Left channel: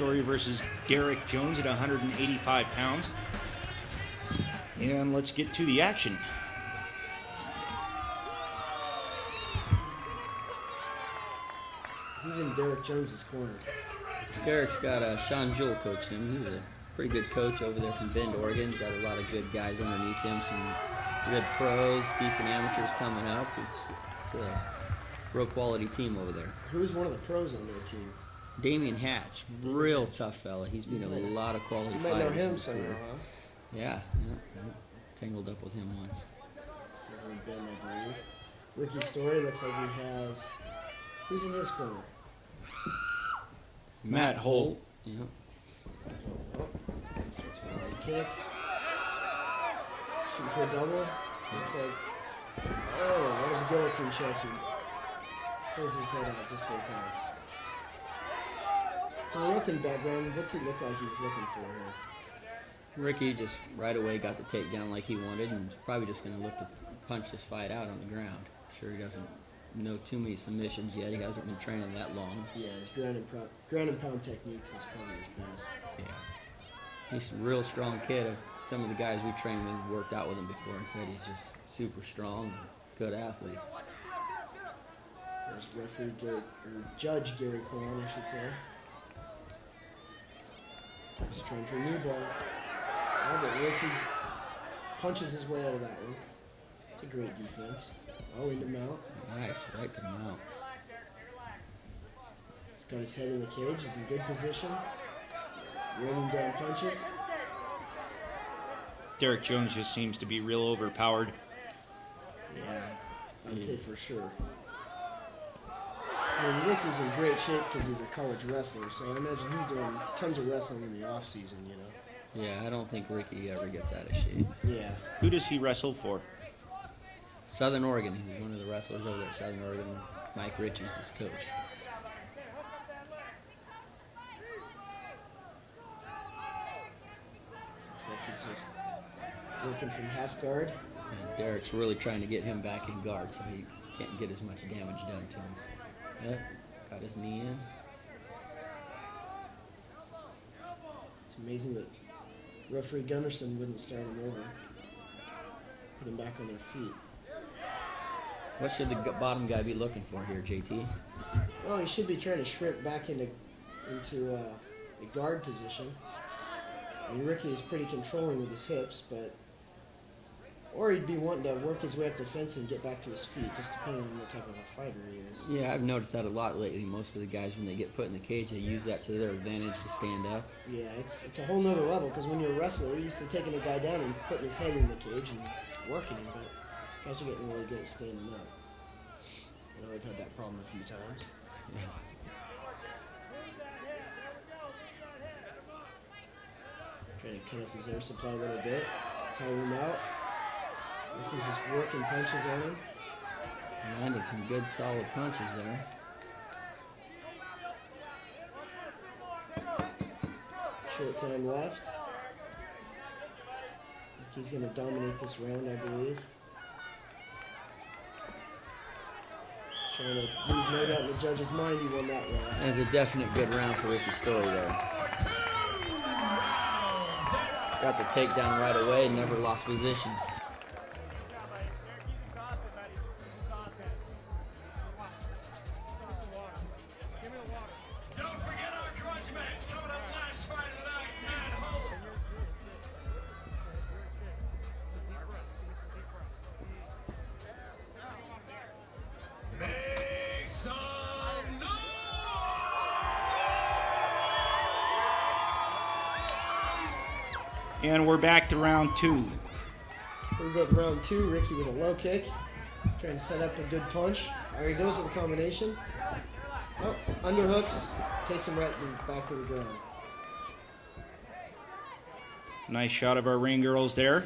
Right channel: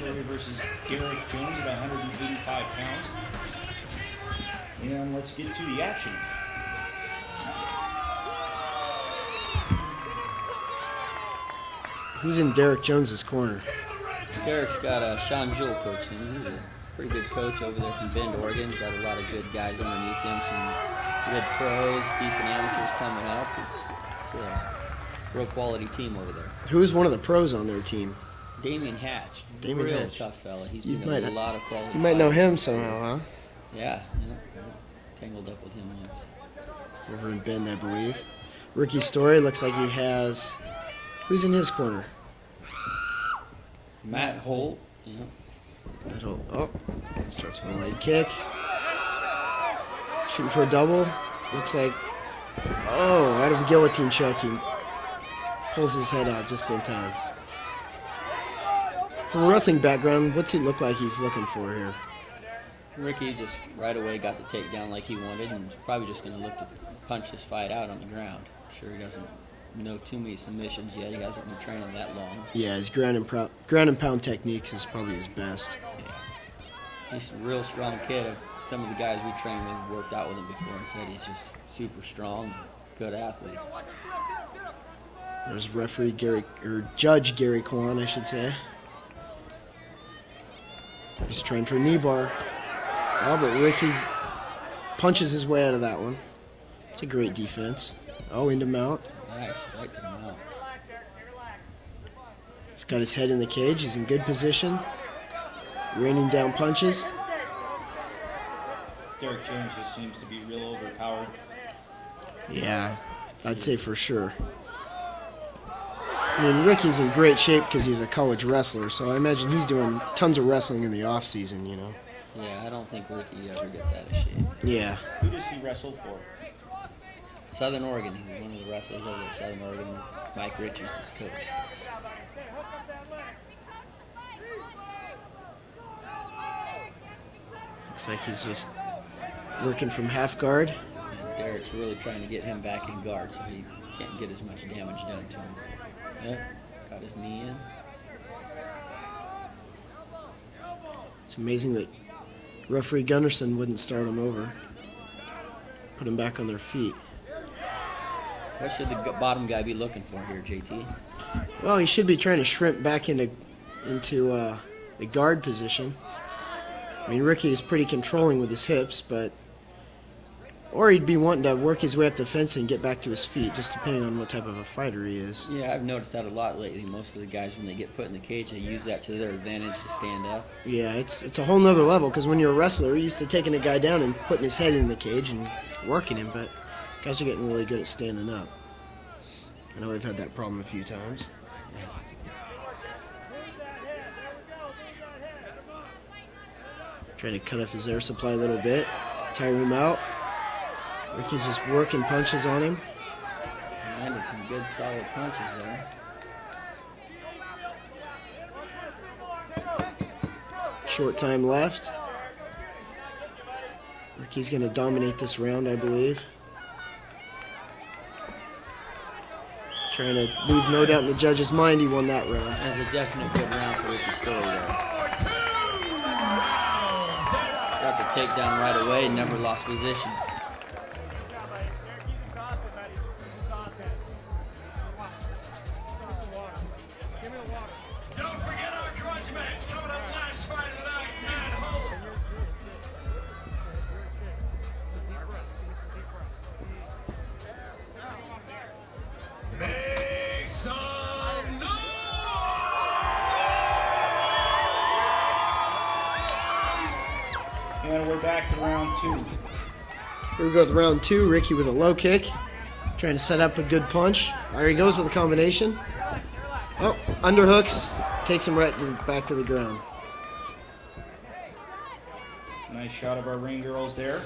Story versus Derek Jones at 185 pounds. And let's get to the action. Who's in Derek Jones's corner? Derek's got Sean Jewell coaching him. He's a pretty good coach over there from Bend, Oregon. Got a lot of good guys underneath him, some good pros, decent amateurs coming up. It's a real quality team over there. Who's one of the pros on their team? Damian Hatch. Real tough fella. He's been in a lot of quality. You might know him somehow, huh? Yeah. Tangled up with him once. Over in Bend, I believe. Ricky Story looks like he has... Who's in his corner? Matt Holt. Yeah. Matt Holt. Oh, starts with a light kick. Shooting for a double. Looks like... Oh, right of a guillotine choke. He pulls his head out just in time. From a wrestling background, what's he look like he's looking for here? Ricky just right away got the takedown like he wanted, and probably just going to look to punch this fight out on the ground. Sure, he doesn't know too many submissions yet. He hasn't been turning that long. Yeah, his ground and pound technique is probably his best. Yeah. He's a real strong kid. Some of the guys we trained with worked out with him before and said he's just super strong, good athlete. There's Judge Gary Kwan, I should say. He's trying for a knee bar. Oh, but Ricky punches his way out of that one. It's a great defense. Oh, into mount. Nice, right to mount. He's got his head in the cage. He's in good position. Raining down punches. Derek Jones just seems to be real overpowered. Yeah, I'd say for sure. I mean, Ricky's in great shape because he's a college wrestler, so I imagine he's doing tons of wrestling in the off-season, you know. Yeah, I don't think Ricky ever gets out of shape. Yeah. Who does he wrestle for? Southern Oregon. He's one of the wrestlers over at Southern Oregon. Mike Rich is his coach. Looks like he's just working from half guard. And Derek's really trying to get him back in guard so he can't get as much damage done to him. Yep, got his knee in. It's amazing that referee Gunnarsson wouldn't start him over. Put him back on their feet. What should the bottom guy be looking for here, JT? Well, he should be trying to shrimp back into a guard position. I mean, Ricky is pretty controlling with his hips, but... Or he'd be wanting to work his way up the fence and get back to his feet, just depending on what type of a fighter he is. Yeah, I've noticed that a lot lately. Most of the guys, when they get put in the cage, they use that to their advantage to stand up. Yeah, it's a whole nother level, because when you're a wrestler, you're used to taking a guy down and putting his head in the cage and working him, but guys are getting really good at standing up. I know we've had that problem a few times. Yeah. Trying to cut off his air supply a little bit, tire him out. Ricky's just working punches on him. Landed some good solid punches there. Short time left. Ricky's going to dominate this round, I believe. Trying to leave no doubt in the judge's mind he won that round. It was a definite good round for Ricky Story there. Got the takedown right away, never lost position. And we're back to round two. Here we go with round two. Ricky with a low kick. Trying to set up a good punch. There he goes with a combination. Oh, underhooks. Takes him right back to the ground. Nice shot of our ring girls there.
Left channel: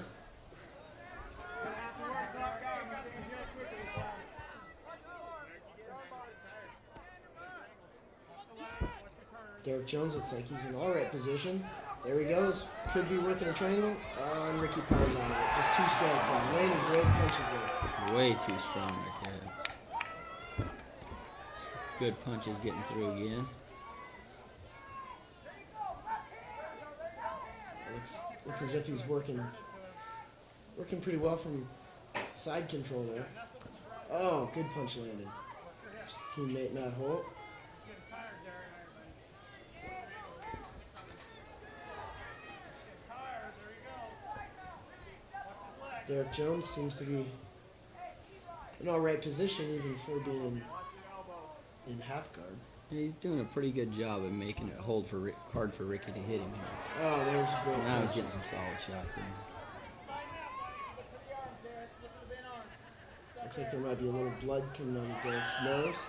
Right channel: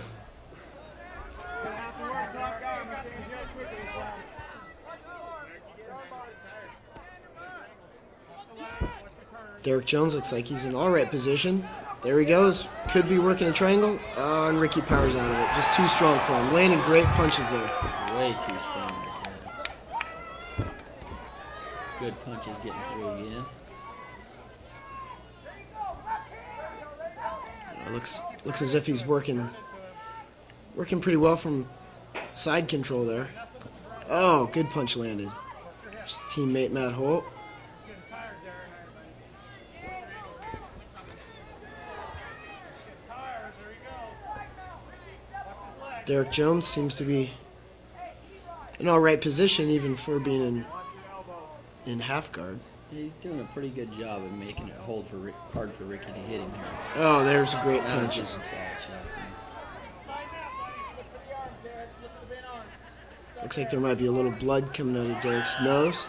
Derek Jones looks like he's in all right position. There he goes. Could be working a triangle. Oh, and Ricky powers out of it. Just too strong for him. Landing great punches there. Way too strong with that. Good punches getting through again. Looks as if he's working pretty well from side control there. Oh, good punch landed. His teammate Matt Holt. Derek Jones seems to be in all right position even for being in half guard. He's doing a pretty good job of making it hard for Ricky to hit him here. Oh, there's a great Now punch. he's getting some solid shots in. Looks like there might be a little blood coming out of Derek's nose.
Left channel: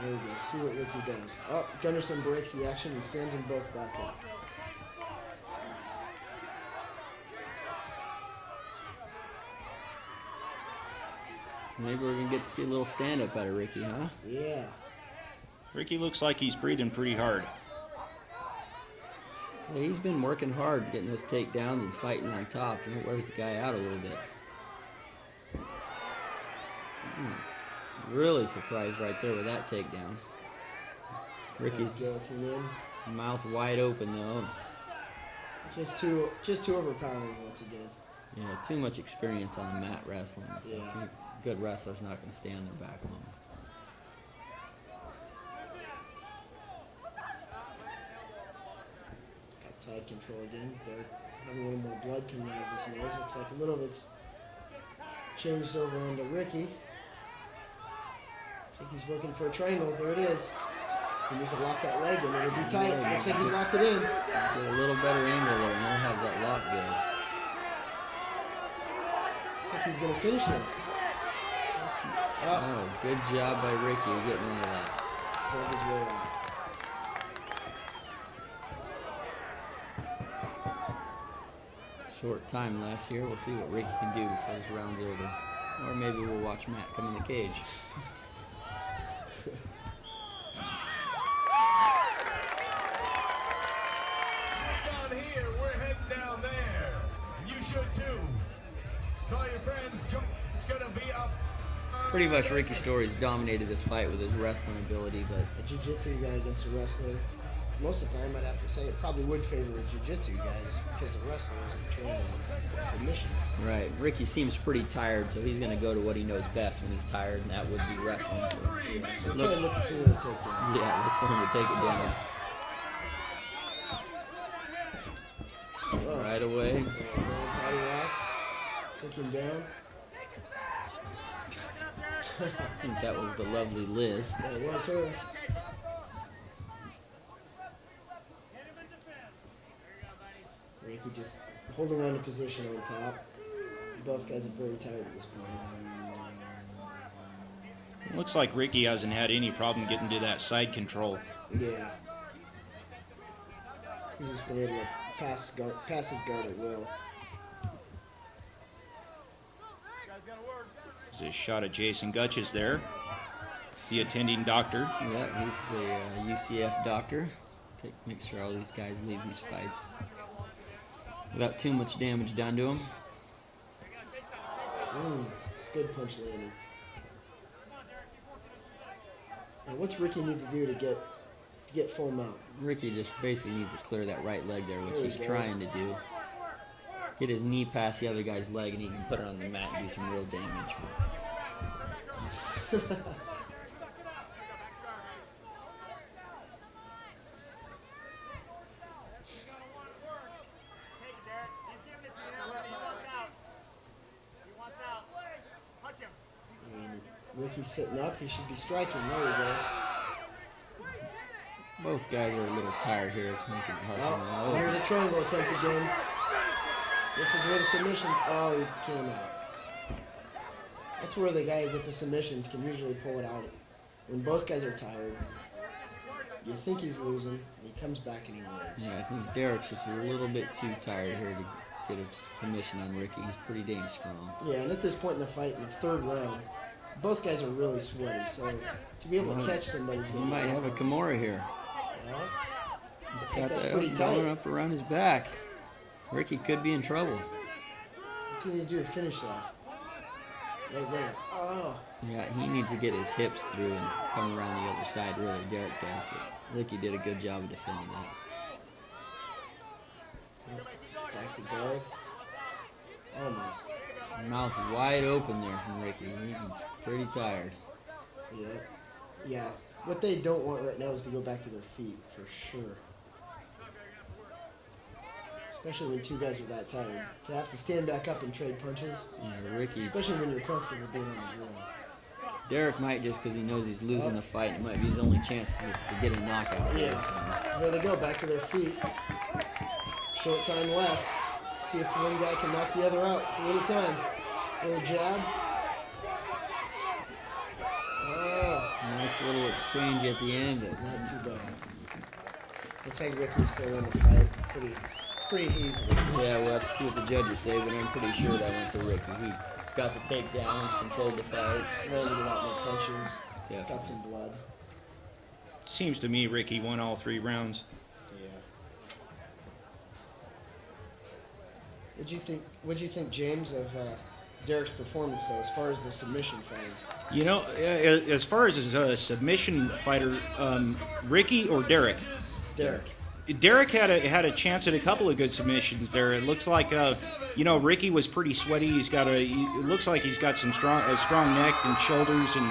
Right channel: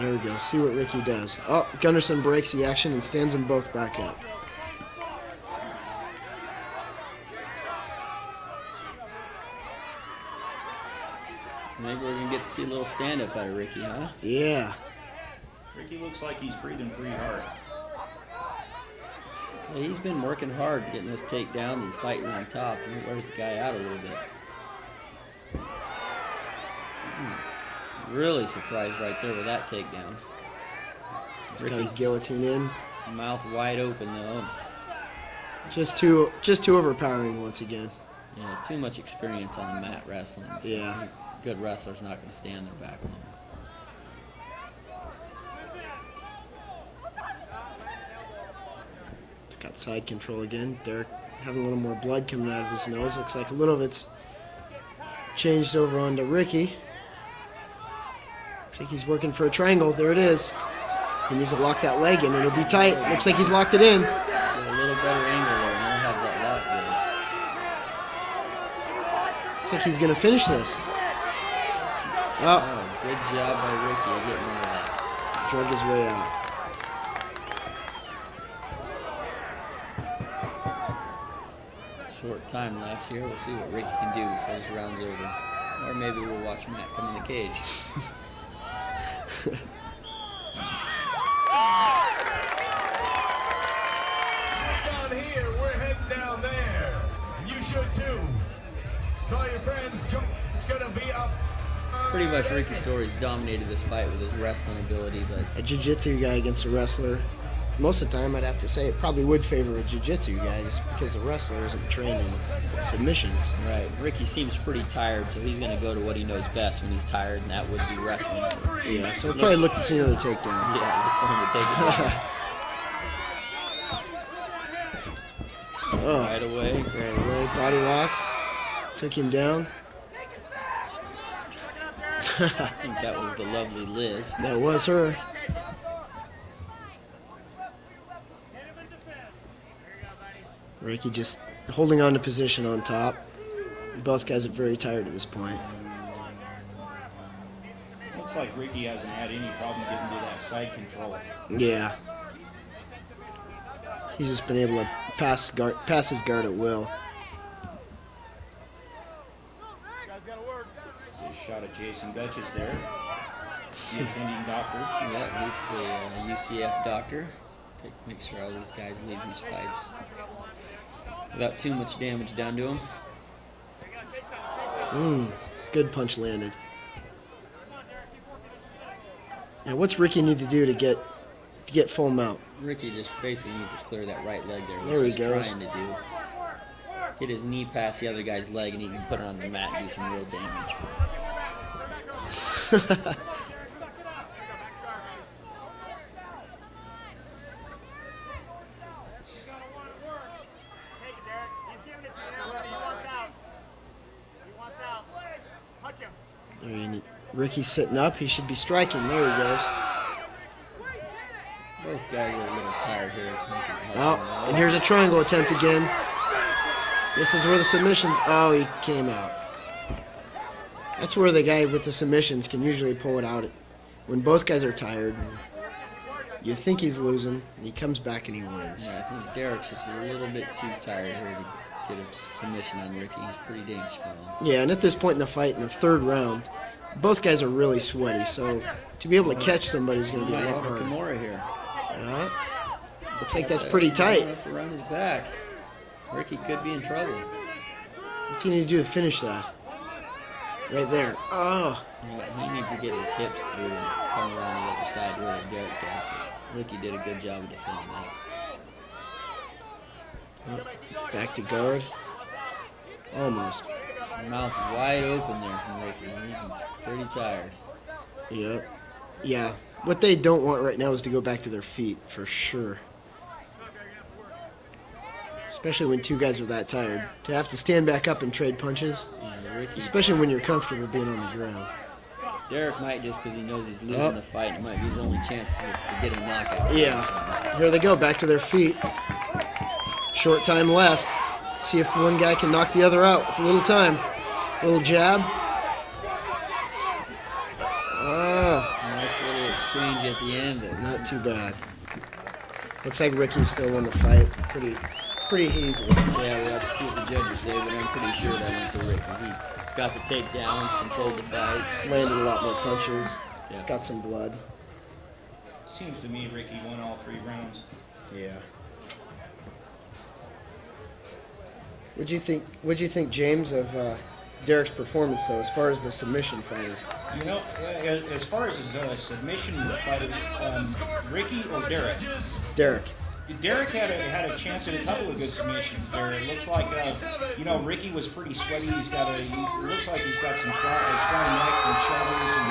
There we go. See what Ricky does. Oh, Gunnarsson breaks the action and stands them both back up. Maybe we're going to get to see a little stand-up out of Ricky, huh? Yeah. Ricky looks like he's breathing pretty hard. Well, he's been working hard getting those takedowns and fighting on top, and it wears the guy out a little bit. Really surprised right there with that takedown. He's got his guillotine in. Mouth wide open, though. Just too overpowering once again. Yeah, too much experience on the mat wrestling. So Yeah. Good wrestlers not going to stay on their back long. He's got side control again. Derek having a little more blood coming out of his nose. Looks like a little of it's changed over onto Ricky. Looks like he's working for a triangle. There it is. He needs to lock that leg in. It'll be tight. Looks like he's locked it in. Get a little better angle there, and they'll have that lock there. Looks like he's going to finish this. Oh, Oh, good job by Ricky of getting into that. drug his way out. Short time left here. We'll see what Ricky can do before this round's over. Or maybe we'll watch Matt come in the cage. Down here, we're heading down there. You should too. Call your friends. It's gonna be up. Pretty much Ricky Story's dominated this fight with his wrestling ability, but A jiu-jitsu guy against a wrestler. Most of the time, I'd have to say it probably would favor a jiu-jitsu guy just because the wrestler isn't trained in submissions. right, Ricky seems pretty tired, so he's going to go to what he knows best when he's tired, and that would be wrestling. So, Yeah, so we'll probably look to see another takedown. yeah, look for him to take it down. Oh, Right away. right away, body lock. Took him down. I think that was the lovely Liz. That was her. Ricky just holding on to position on top. Both guys are very tired at this point. Looks like Ricky hasn't had any problem getting to that side control. Yeah. He's just been able to pass his guard at will. There's a shot of Jason Gutches there, the attending doctor. Yeah, he's the UCF doctor. Make sure all these guys leave these fights without too much damage done to them. Good punch landed. Now, what's Ricky need to do to get full mount? Ricky just basically needs to clear that right leg there, There he which he's goes. trying to do. Get his knee past the other guy's leg, and he can put it on the mat and do some real damage. Ricky's sitting up. He should be striking. There he goes. Both guys are a little tired here. If we can help them Oh, out. and here's a triangle attempt again. This is where the submissions. Oh, he came out. That's where the guy with the submissions can usually pull it out when both guys are tired. You think he's losing, and he comes back and he wins. Yeah, I think Derek's just a little bit too tired here to get a submission on Ricky. He's pretty dang strong. Yeah, and at this point in the fight, in the third round, both guys are really sweaty, so to be able to catch somebody is going He to be might a have lot a harder. Kimura here. Alright. Looks like that's pretty tight. Up around his back. Ricky could be in trouble. What's he need to do to finish that? Right there. Oh. He needs to get his hips through and come around the other side where Derek does. But Ricky did a good job of defending that. Back to guard. Almost. Mouth wide open there from Ricky. He's pretty tired. Yep. Yeah. What they don't want right now is to go back to their feet, for sure. Especially when two guys are that tired. To have to stand back up and trade punches. Yeah, Ricky. Especially when you're comfortable being on the ground. Derek might, just because he knows he's losing the fight, it might be his only chance to get a knockout. Yeah. Here they go, back to their feet. Short time left. See if one guy can knock the other out with a little time. Little jab. Oh, Nice little exchange at the end. But not too bad. Looks like Ricky still won the fight. Pretty easily. yeah, we'll have to see what the judges say, but I'm pretty sure that went to Ricky. He got the takedowns, controlled the fight. Landed a lot more punches. Yeah. Got some blood. Seems to me Ricky won all 3 rounds. Yeah. What'd you think, James, of Derek's performance, though, as far as the submission fighter? You know, as far as a submission fighter, Ricky or Derek? Derek. Derek had a chance at a couple of good submissions there. It looks like, Ricky was pretty sweaty. It looks like he's got a strong neck and shoulders, and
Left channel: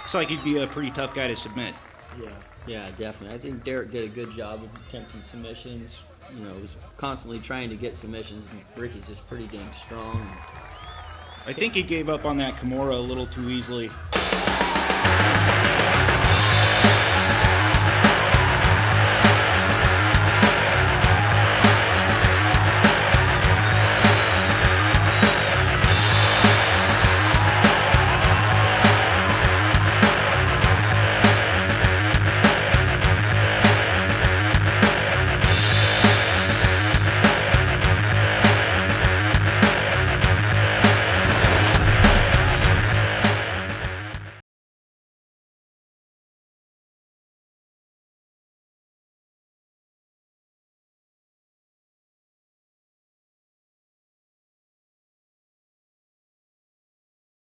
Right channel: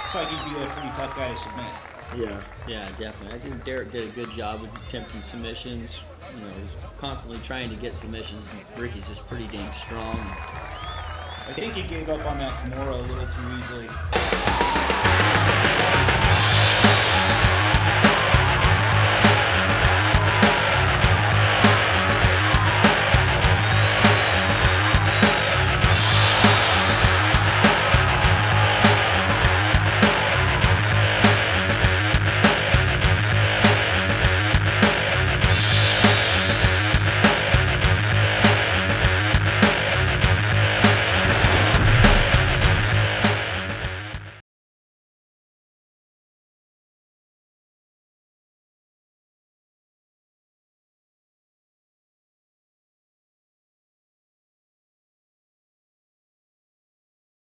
looks like he'd be a pretty tough guy to submit. Yeah. Yeah, definitely. I think Derek did a good job of attempting submissions. He's constantly trying to get submissions, and Ricky's just pretty dang strong. I think he gave up on that Kimura a little too easily.